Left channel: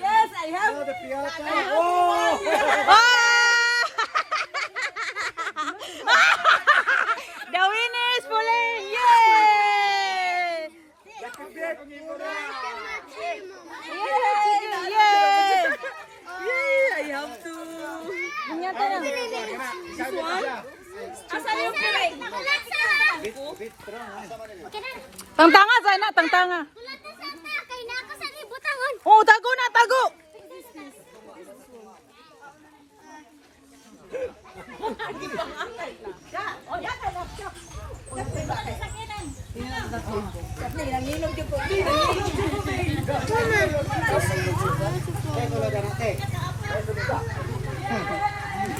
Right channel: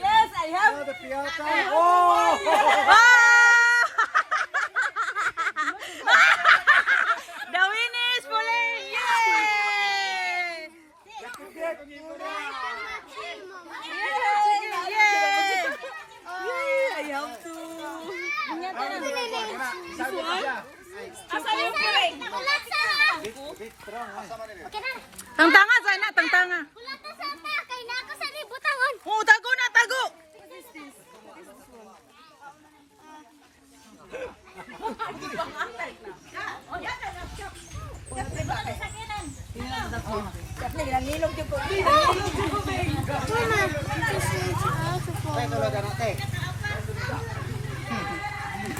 Yes, I have. The winner is Pauline! Yay! Yay! I have to. Bunyata na. This one? Asa yung piring? Tangtanga sana, tangtanga. Oh, tago na, tago.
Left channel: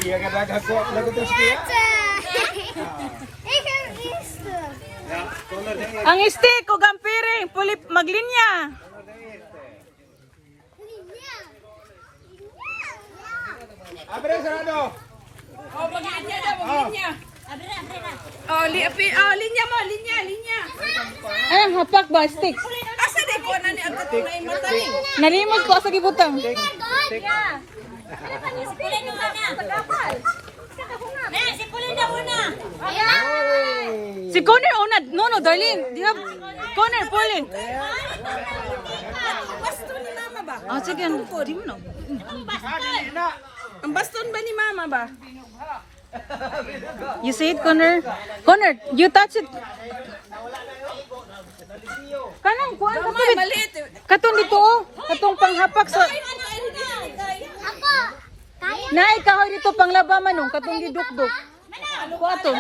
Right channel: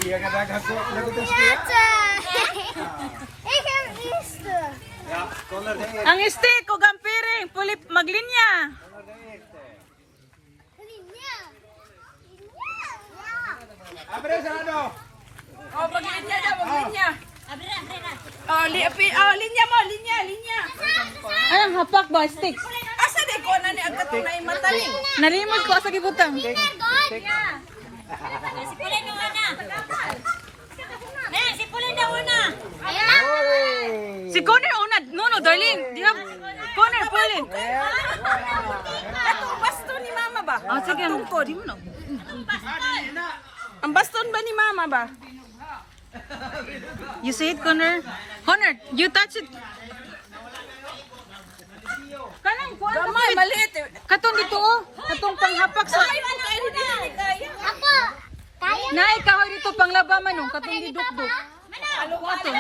Iya kadang aku lagu terus dia. Ang stick o gampiring, pulip maglinya. Abre sarado. Oh, maglinya daw, maglinya. Oh, linya mo, linya. Ay, ang hapak ba, stick? Asa di ko na ni ang katong na imata ni? Nalimod ko sa gibutang. Si Connor una. No, darling. Do you have Connor, Pauline? Baston ni mama ba? Ah, sige. Di mo na. Ang baston ba ni mama ba? You see it, Connor? Connor, you touch it. Kanang kuan ka ba? Maliit. Katong dito oh. Katong panghapak sa. Ako! Nay kahoy dito panglaba manong katong gidukduk. Kuato.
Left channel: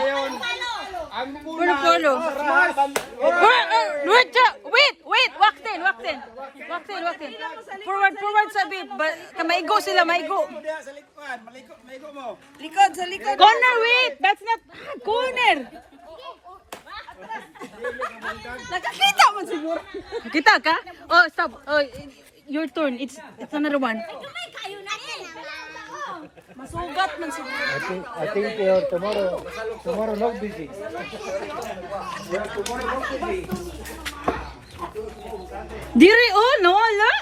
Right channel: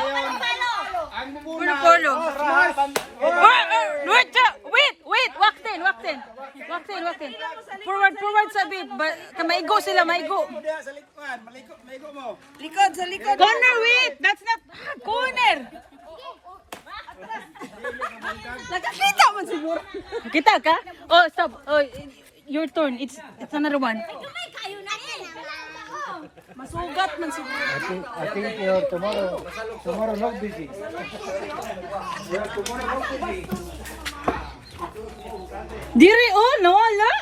Ang Puro polo. Wait. Waktin. Forward sa bit. Maigo sila, maigo. likod sa likod. Corner, wait. That's not corner. Nakita man siguro. Kita ka? Oh, stop. Oh, your turn. It's another one. Masugat man siguro. I think tomorrow no busy. Tomorrow no busy. Diri oh, no, ala.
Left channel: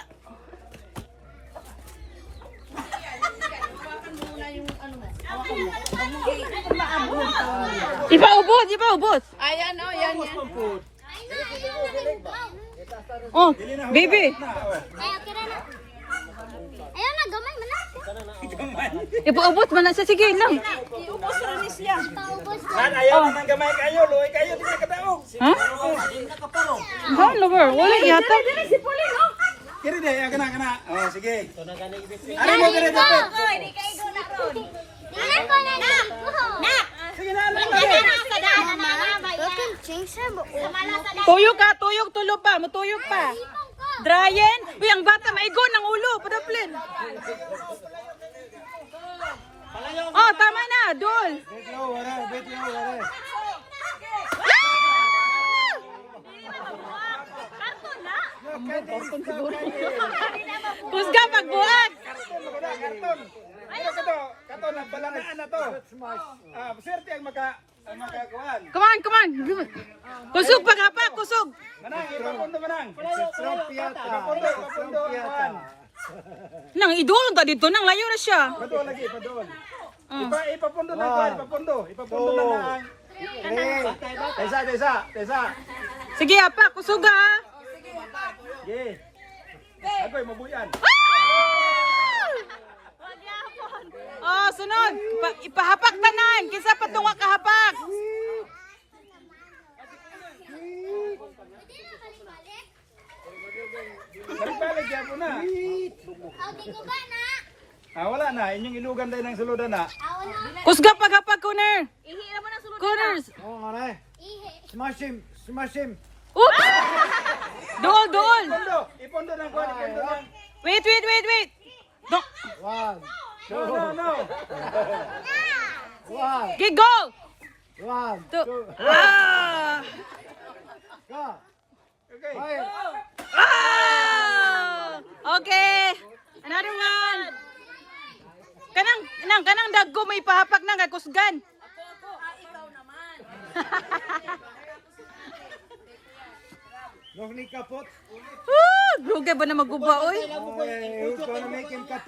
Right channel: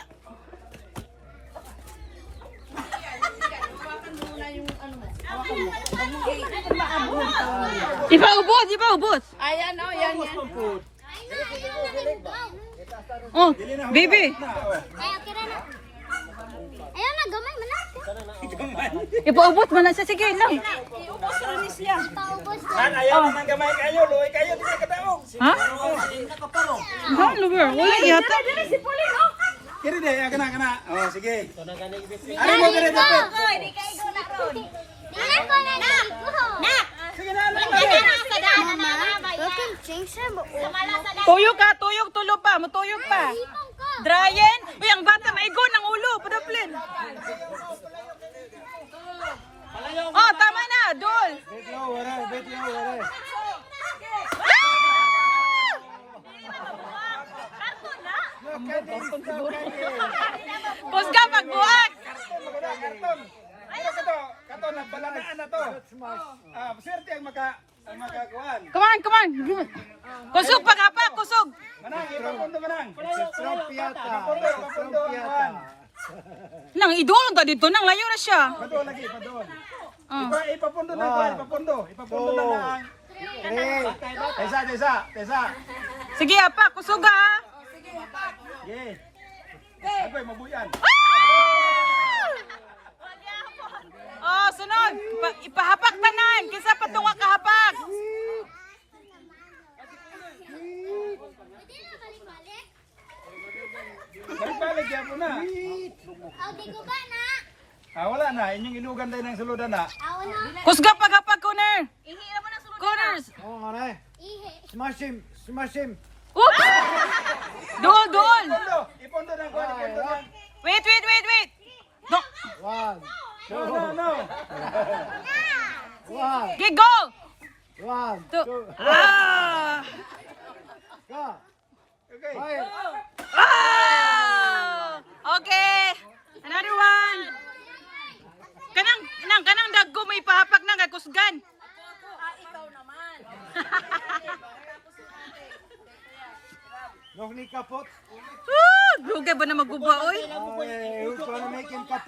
Ipaubos. Ayan o, yan. Oh, baby. Ayan na, gamay na. Ipaubos man na siya. Sige lang. Ayaw na gamay kayo, luwi kayo nakadawog. Ha? Saan lugar? Wala yata. Kiri deh, kena. Oh, sige. Ari mo kare dapat. Sige na, Tuyok ka, tulo pa, matuyok pa. Dryan? Uy, ang bata maigo ng ulo, padaplin. Oh, tama na, Dol. Kusga pagbuhat. Kato na balangan na to. Swerte ang makakuan. Come on. Kusog paghapa, kusog. Manang, ipapundo manang. Ipapundo manang. Nang idulong to dito, nang layo na siya. Padol lagi, padol. Oh. Ipapundo ng kuan, ipapundo na lang. Tesa. Sige, apa, kusog ha. Sige. Agoy, mabuyan. Oh, sunod. Ipahapak tanan. Kisa patunga kahapak. Nagpaligyan mo na. Wala na. Inyong ilugan tayo ng suludan na. Kusga paghapak ko na. Corners. Oh, maray. Smash him. Smash him. Oops! Doon! Ipondo na ko, ipondo na. Wait! Do. One. No. One. Okay, go! One. Two. Ah! Go. Okay. Fire. Oh! Okay. Another one. Kanang dagko may pahapak na kay kusgan. Ikaw naman. Nog ni kapot. Grugay ba na maguba oy? Oh, he's gonna make him kapot.